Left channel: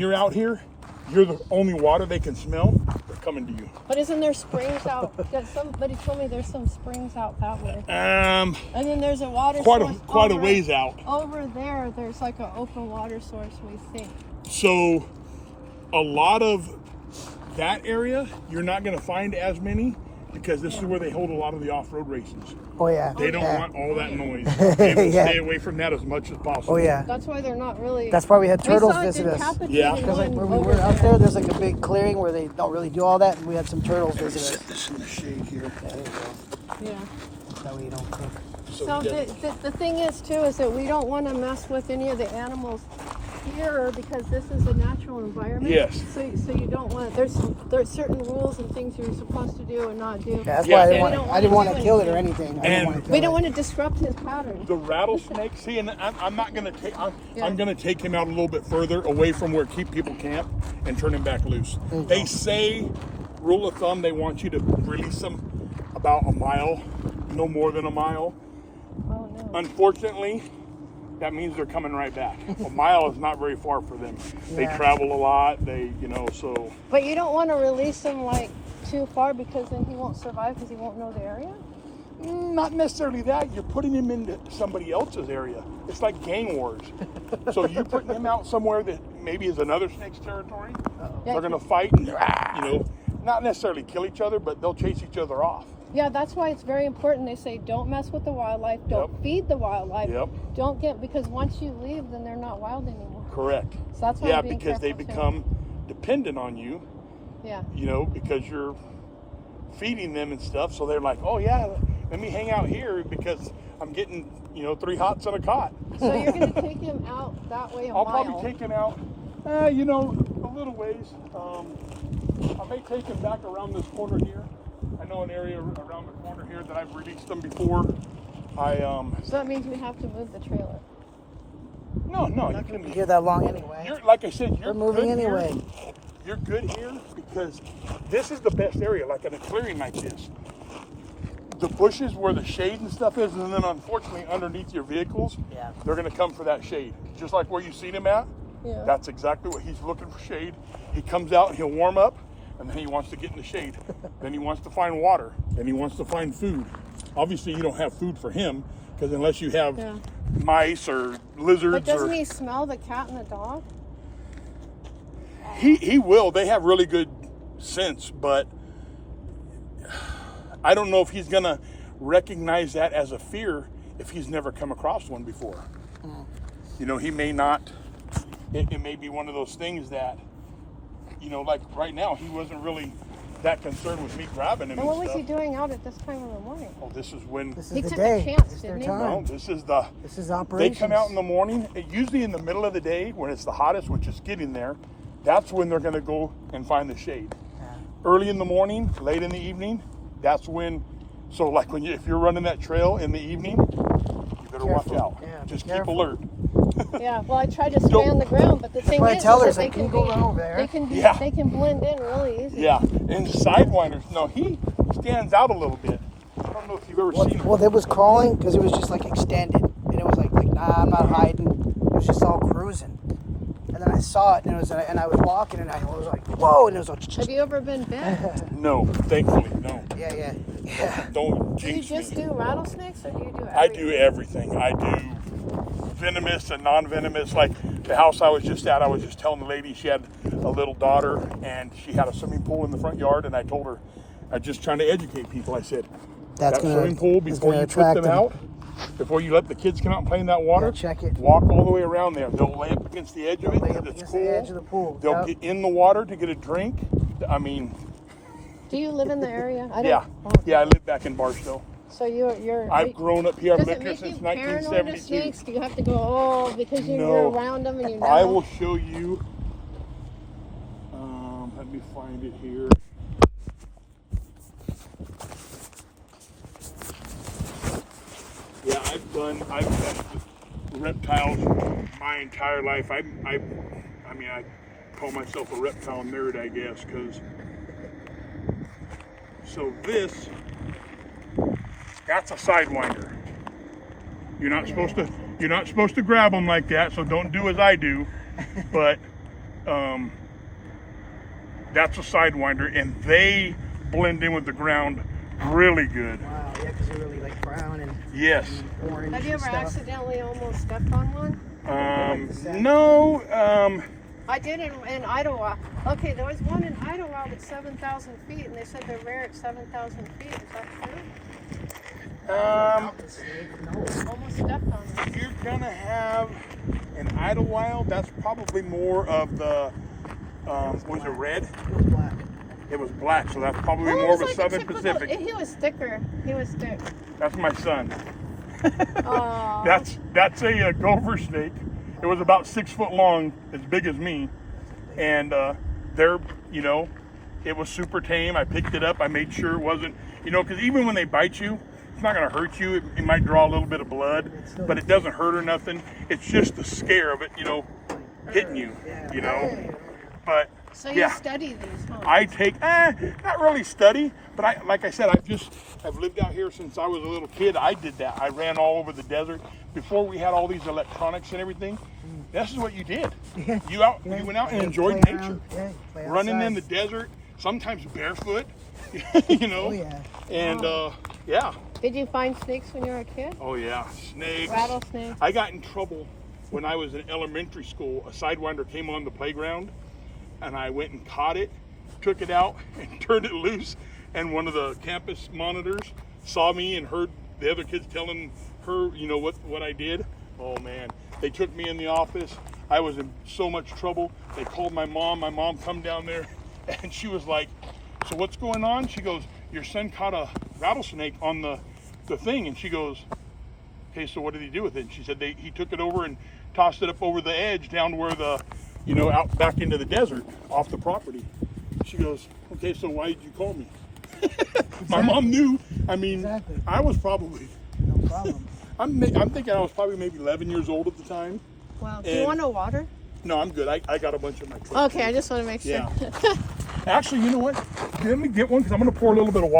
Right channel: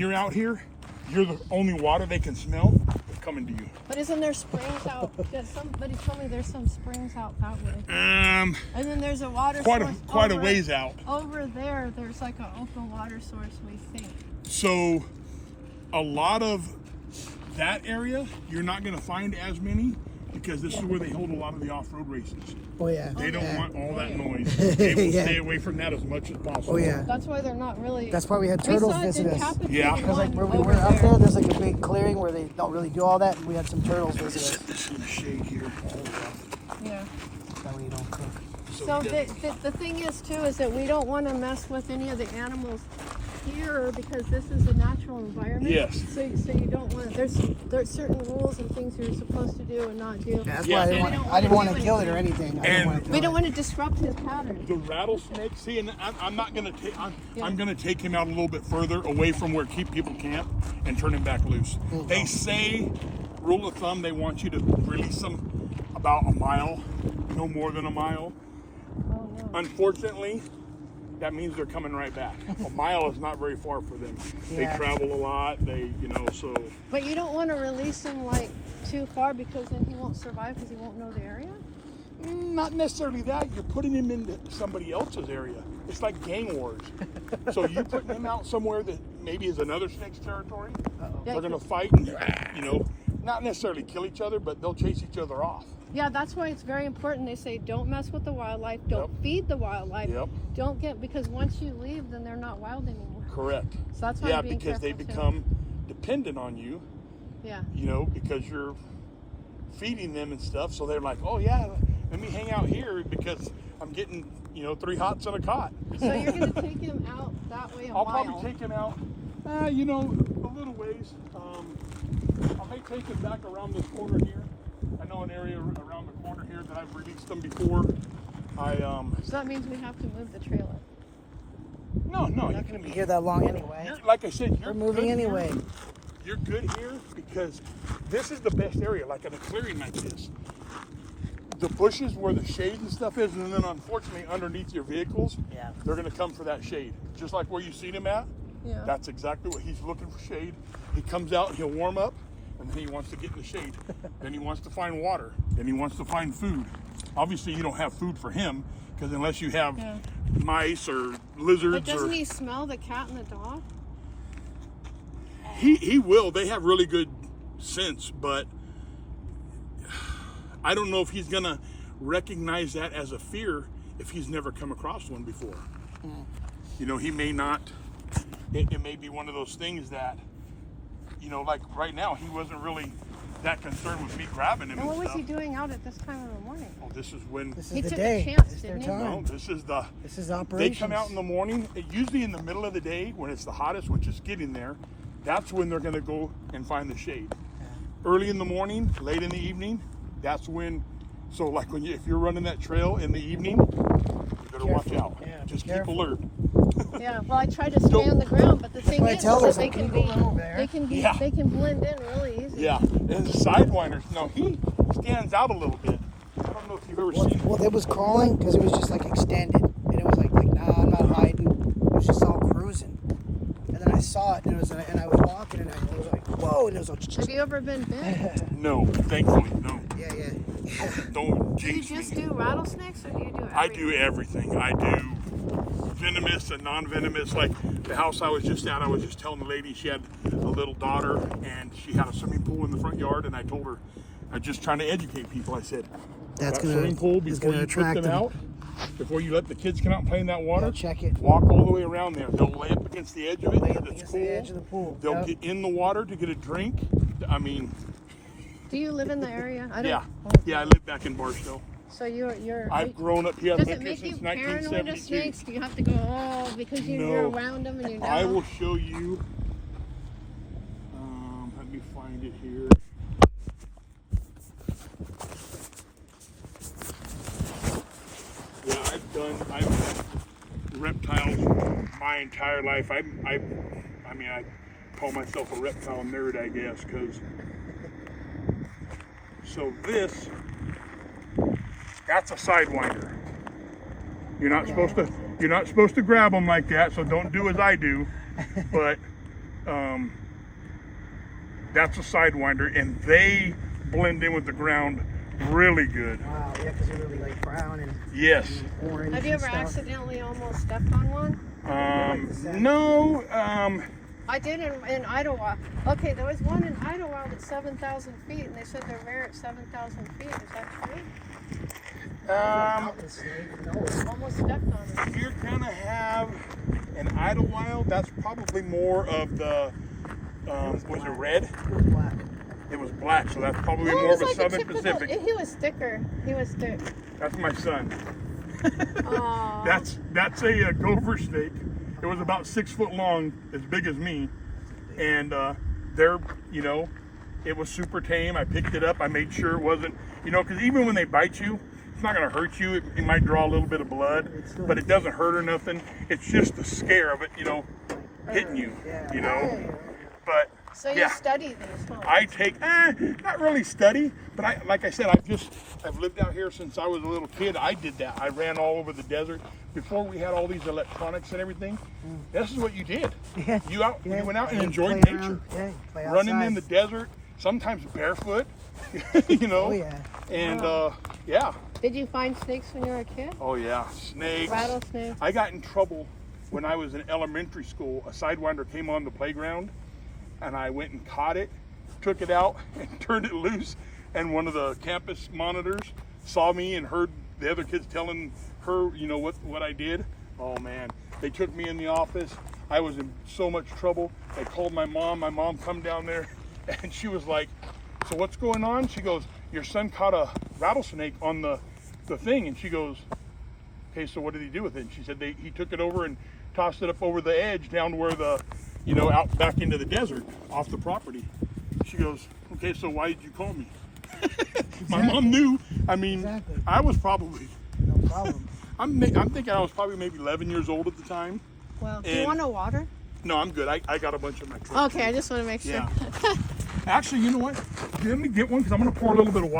You're out here, you're the only water they can smell. They're coming to you. But isn't there springs out? Somebody told me there's some springs out that way. And then there's a water source quite a ways out. Over there, there's like an open water source, we think. So a lot of that area, you're not going to find as many because this is where they hold a lot of the off-road races. Oh yeah. They don't want all that noise. They will stay away from that as much as possible. Oh yeah. That's why they're not really. That's why we had turtles visit us. Yeah. One When over we were out there. there's like a big clearing where they don't really do all that, and we had some turtles Let me visit set us. this in the shade here. Yeah. So So the thing is too is that we don't want to mess with any of the animals here because this is a natural environment. Yes. So you don't want there's certain rules and things you're supposed to do and not do. Yeah, that's Yeah. why We I didn't want do to kill it or anything. anything. And We don't want to disrupt his pattern. the rattlesnake, see, and I'm not going to take, I'm going to take him out a little bit further away from where people camp and turn him back loose. They say, rule of thumb, they want you to release them about a mile, no more than a mile. Oh no. Unfortunately, that means they're coming right back. A mile is not very far for them. They Yeah. travel a lot. So. But you don't want to release him like too far because then he won't survive because he won't know the area. Not necessarily that. You're putting him into somebody else's area. It's like gang wars. So you're putting him out somewhere that maybe is another snake's territory. Yeah. They're going to fight and, not necessarily kill each other, but they'll chase each other off. Yeah, that's why it's very important. They say don't mess with the wildlife, don't feed the wildlife, Yep. don't get because once you leave, then they're not wild anymore. Correct. So that's why Yeah, I'm being because they careful, too. become dependent on you, Yeah. because you're feeding them and stuff. So they're like, oh, yeah, let me hang out here because I'm getting, 3 hots on a cot. So you're gonna take him out that way a I'll mile. probably take him out, a little ways. I may take him back around this corner here. I know an area around the corner here that I've released them before. So that means we have to move the trailer. No, We're not going to be here that long anyway. like I said, We're moving good here. anyway. You're good here because this is the best area, like in a clearing like this. The bushes where the shade and stuff is, and then unfortunately underneath your vehicles, they're going to come for that shade. Just like where you seen him at. Yeah. That's exactly what he's looking for, shade. He comes out and he'll warm up, and then he wants to get in the shade. Then he wants to find water. Then he wants to find food. Obviously, you don't have food for him because unless you have mice or lizards, But doesn't he smell the cat and the dog? he will. They have really good sense, but I don't know if he's gonna recognize that as a fear if he's never come across one before. He may not. It may be one of those things that, like right now, he wasn't really that concerned with me grabbing him. Well, what and was stuff. he doing out at this time in the morning? Oh, this is when. This He is the took a day. chance, It's their didn't he? No, time. this is This is They operations. come out in the morning, usually in the middle of the day when it's the hottest, which is getting there. That's when they're going to go and find the shade. Early in the morning, late in the evening, that's when. So, like if you're running that trail in the evening, you better Careful. watch out. Yeah, be Just keep careful. alert. Yeah, well, I tried to stay on the ground, but the thing What I is, tell her that is they like, can can you be, go over there? they can be, Yeah. they can blend in really easy. Yeah, and the sidewinders. No, he stands out a little bit. I don't know if you've ever seen him. Well, it was crawling because it was just like extended, and it was like nah, I'm not hiding. It was just all cruising. And then I saw it, and I was walking, and I was like, whoa, and it was like, Have you ever been bit? No, thankfully, no. yeah. Don't Do you jinx just me. do rattlesnakes, or do you do everything? I do everything. I do venomous and non-venomous. Like the house I was just at, I was just telling the lady she had a little daughter and she had a swimming pool in the front yard, and I told her, I'm just trying to educate people. I said, That's that gonna swimming pool, it's before gonna you put attract them them. out, before you let the kids come out and play in that water, Yeah, check it. walk all the way around there. They'll lay up against the edge of it Lay because up it's against cool. the edge of the pool. They'll Yep. get in the water to get a drink. I mean, Do you live in the area? I don't. yeah, I live back in Barstow. So you're. I've grown up here. I've Does lived it here make you since paranoid of 1972. snakes? Do you have to go because you're around them and you know? I will show you. Let me find it here. Yeah, I've done reptiles my entire life. I call myself a reptile nerd, I guess, because. So that's a sidewinder. You're not supposed to grab them like that, so don't do as I do. But That's a sidewinder, and they blend in with the ground really good. Wow, yeah, because they're really like brown and, Yes. and orange. Have you and ever stuff. accidentally almost stepped on one? No. I did in Idlewild. Okay, there was one in Idlewild at 7,000 feet, and they said they're rare at 7,000 feet. Is that true? Mountain snake? No. Almost stepped on it. If you're gonna have an Idlewild, that's probably more of the, was it red? It's black. It was black, so that's probably Well, it more of was a like Southern typical- Pacific. He was thicker. He was thick. That's my son. Oh. That's a gopher snake. It was about 6 foot long, as big as me, and they're, you know, it was super tame. I picked it up. I made sure it wasn't, you know, because even when they bite you, it's not going to hurt you. It might draw a little bit of blood, but it doesn't hurt or nothing. It's just the scare of it, you know, hitting you, Yeah. you know. But So you yeah, study these, huh? I take not really study, but I, like I said, I've lived out here since I was a little kid. I did that. I ran all over the desert before we had all these electronics and everything. This is what you did. Yeah. You went out and Yeah, enjoyed play nature. around. Yeah, you play Running in outside. the desert, sometimes barefoot, you know. Oh yeah. And yeah. Did you find snakes when you were a kid? Oh yeah, snakes. Rattlesnakes? I got in trouble when I was in elementary school. A sidewinder came on the playground, and I went and caught it, took it out, and turned it loose. And one of the campus monitors saw me and heard the other kids telling her, you know, what I did. Oh man, they took me in the office. I was in so much trouble. They called my mom. My mom come down there, and she was like, "So what's going on?" She goes, "Your son caught a rattlesnake on the thing." And she goes, "Okay, so what did he do with it?" And she said he took it over and tossed it up over the edge down where the, you know, out back into the desert off the property. She goes, "Okay, so why did you call me?" My mom knew. I mean, Exactly. I was probably, No problem. I'm thinking I was probably maybe 11 years old at the time. Well, do you And- want no water? No, I'm good. I got a bunch of my truck. Okay, I just want to make sure. Yeah. Actually, you know what? Let me get one because I'm going to pour a little bit of water.